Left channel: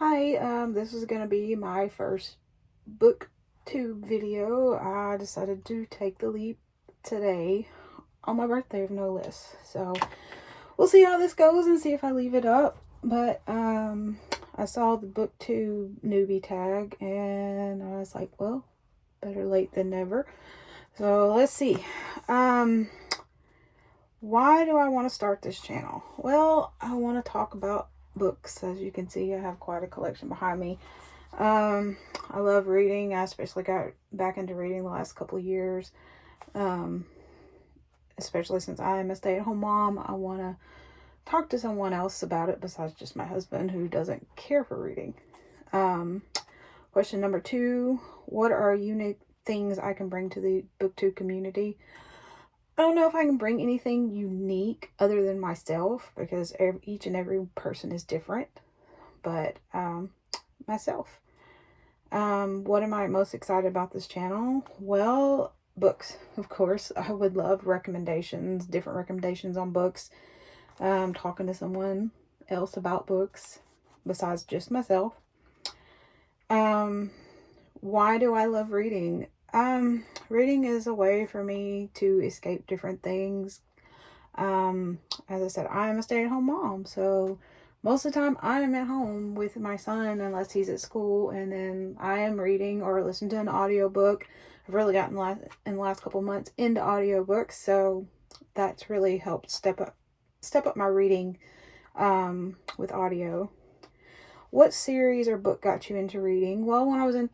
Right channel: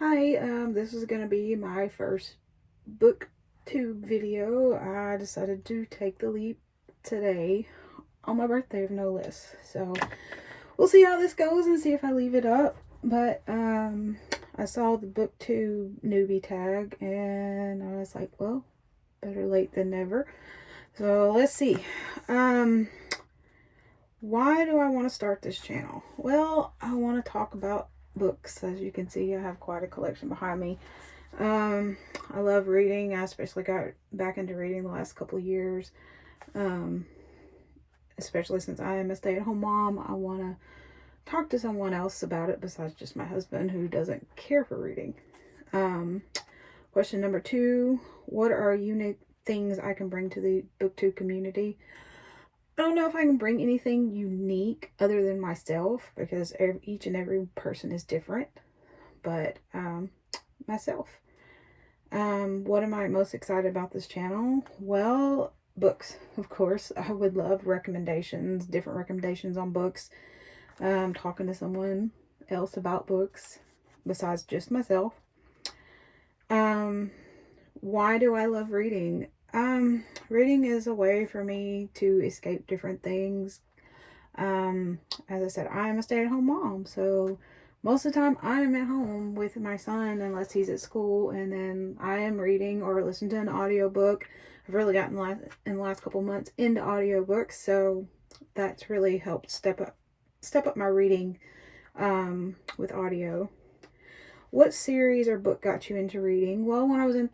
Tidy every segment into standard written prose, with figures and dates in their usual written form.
Hi, this is gonna be my first booktube video. I decided to take the leap today on my birthday, of no less. So we'll see how this goes and see if I leave it up. But I saw the booktube newbie tag and I was like, well, better late than never. So let's see. Why do I want to start this channel? Well, I want to talk about books. As you can see, I have quite a collection behind me. I love reading. I especially got back into reading the last couple of years. Especially since I am a stay-at-home mom, I want to talk to someone else about it besides just my husband, who doesn't care for reading. Question number 2, what are unique things I can bring to the booktube community? I don't know if I can bring anything unique other than myself, because each and every person is different, but myself. What am I most excited about this channel? Well, books, of course. I would love recommendations, different recommendations on books. Talking to someone else about books besides just myself. Why do I love reading? Reading is a way for me to escape different things. As I said, I am a stay-at-home mom, so most of the time I am at home with my son unless he's at school, and then I am reading or listening to an audiobook. I've really gotten in the last couple months into audiobooks, so that's really helped step up my reading with audio. What series or book got you into reading? Well, when I was in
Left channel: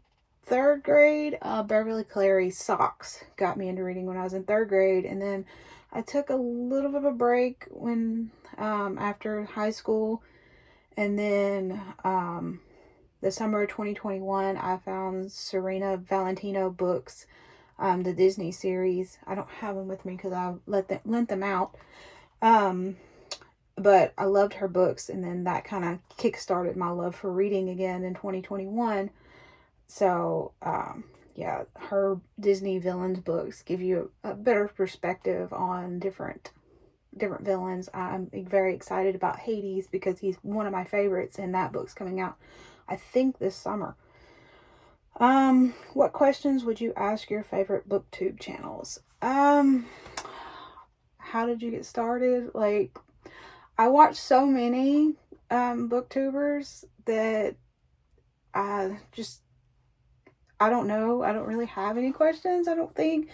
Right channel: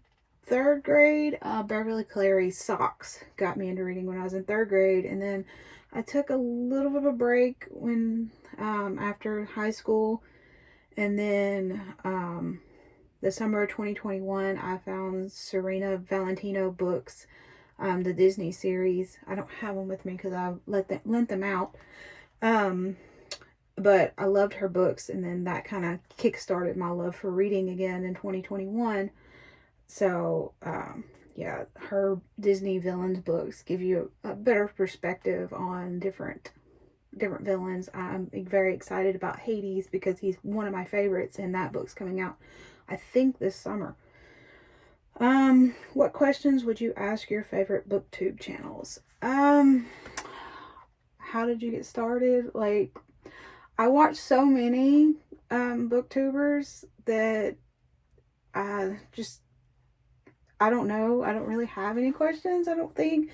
3rd grade, Beverly Cleary's Socks got me into reading when I was in 3rd grade, and then I took a little bit of a break when after high school, and then the summer of 2021 I found Serena Valentino books, the Disney series. I don't have them with me because I lent them out, but I loved her books, and then that kind of kick-started my love for reading again in 2021. So yeah, her Disney villains books give you a better perspective on different villains. I'm very excited about Hades because he's one of my favorites, and that book's coming out, I think, this summer. What questions would you ask your favorite booktube channels? How did you get started? Like, I watch so many booktubers that I don't know. I don't really have any questions, I don't think.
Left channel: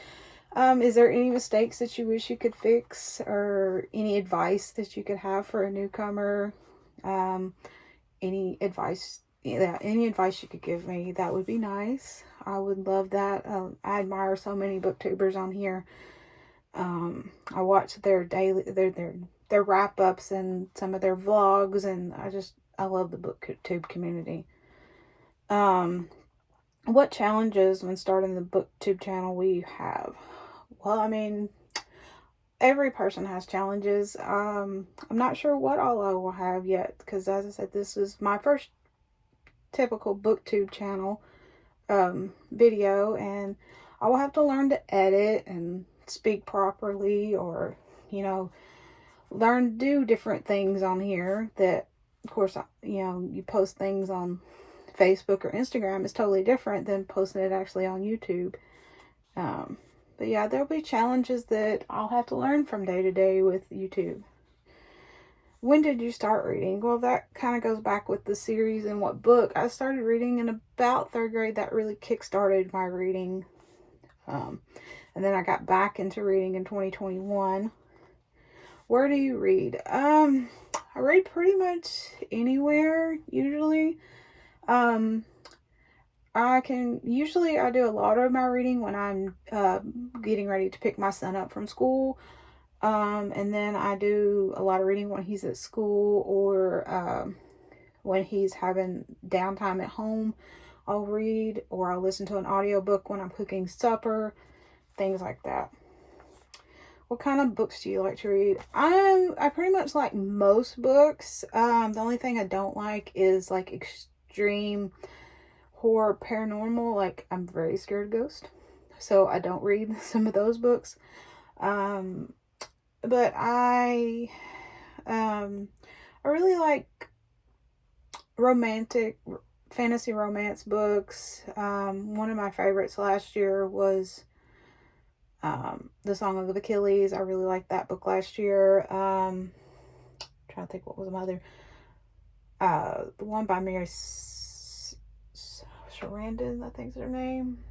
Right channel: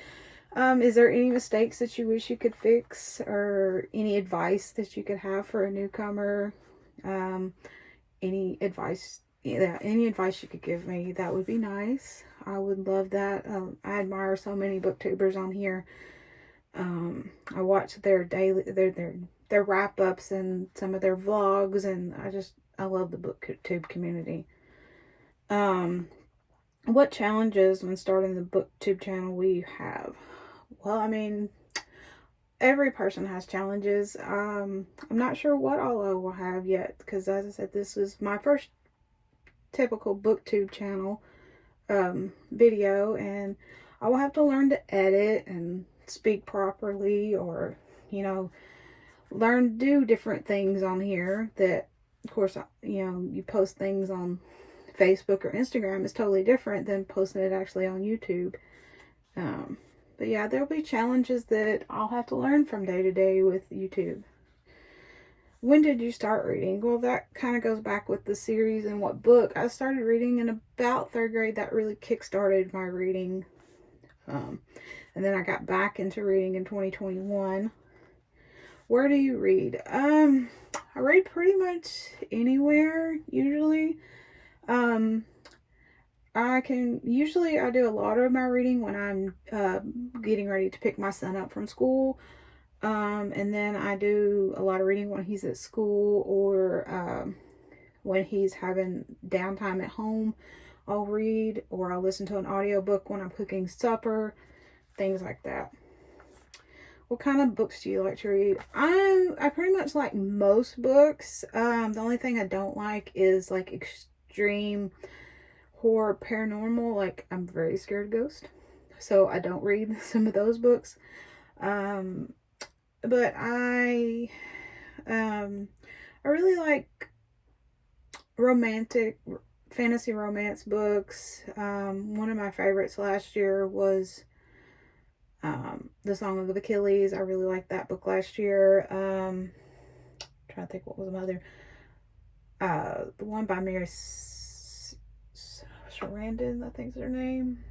Is there any mistakes that you wish you could fix, or any advice that you could have for a newcomer? Any advice you could give me, that would be nice. I would love that. I admire so many booktubers on here. I watch their daily, their wrap-ups and some of their vlogs, and I love the booktube community. What challenges when starting the booktube channel will you have? Well, I mean, every person has challenges. I'm not sure what all I will have yet, because as I said, this is my first typical booktube channel video, and I will have to learn to edit and speak properly, or learn to do different things on here that, of course, you post things on Facebook or Instagram is totally different than posting it actually on YouTube. But yeah, there'll be challenges that I'll have to learn from day to day with YouTube. When did you start reading? Well, that kind of goes back with the series and what book. I started reading in about 3rd grade. That really kick-started my reading. And then I got back into reading in 2021. Where do you read? I read pretty much anywhere, usually. I do a lot of my reading when I'm getting ready to pick my son up from school. And then I do a lot of reading when he's at school, or when he's having downtime at home. I'll read, or I'll listen to an audiobook when I'm cooking supper, things like that. What kind of books do you like to read? I pretty much like most books. The only thing I don't like is like extreme horror, paranormal. Like, I'm very scared of ghosts, so I don't read some of those books. But I really like romantic fantasy romance books. One of my favorites last year was The Song of Achilles. I really liked that book last year. Trying to think what was my other. The one by Mary Sarandon, I think is her name.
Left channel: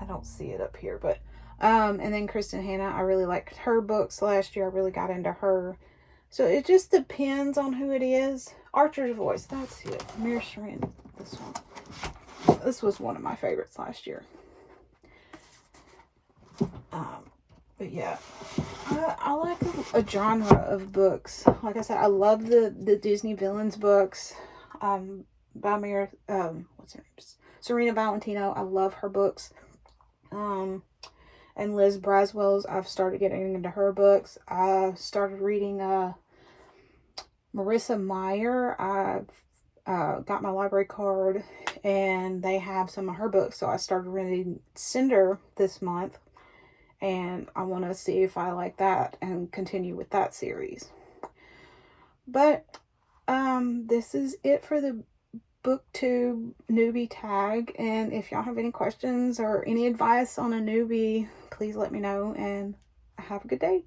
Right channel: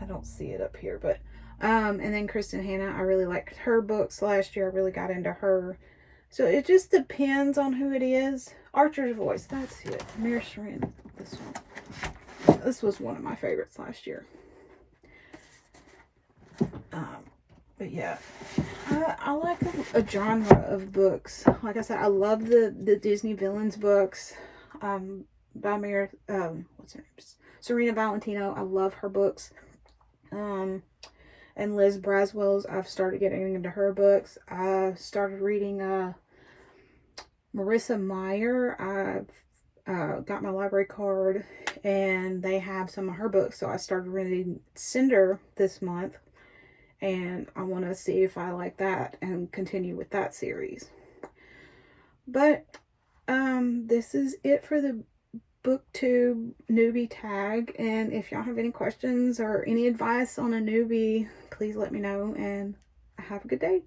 I don't see it up here, but and then Kristen Hanna, I really liked her books last year. I really got into her. So it just depends on who it is. Archer's Voice, that's it. Mary Sarandon, this one. This was one of my favorites last year. But yeah, I like a genre of books. Like I said, I love the Disney villains books. By Mary, what's her name? Serena Valentino. I love her books. And Liz Braswell's, I've started getting into her books. I started reading Marissa Meyer. I've got my library card and they have some of her books, so I started reading Cinder this month, and I want to see if I like that and continue with that series. But this is it for the Booktube newbie tag, and if y'all have any questions or any advice on a newbie, please let me know, and have a good day.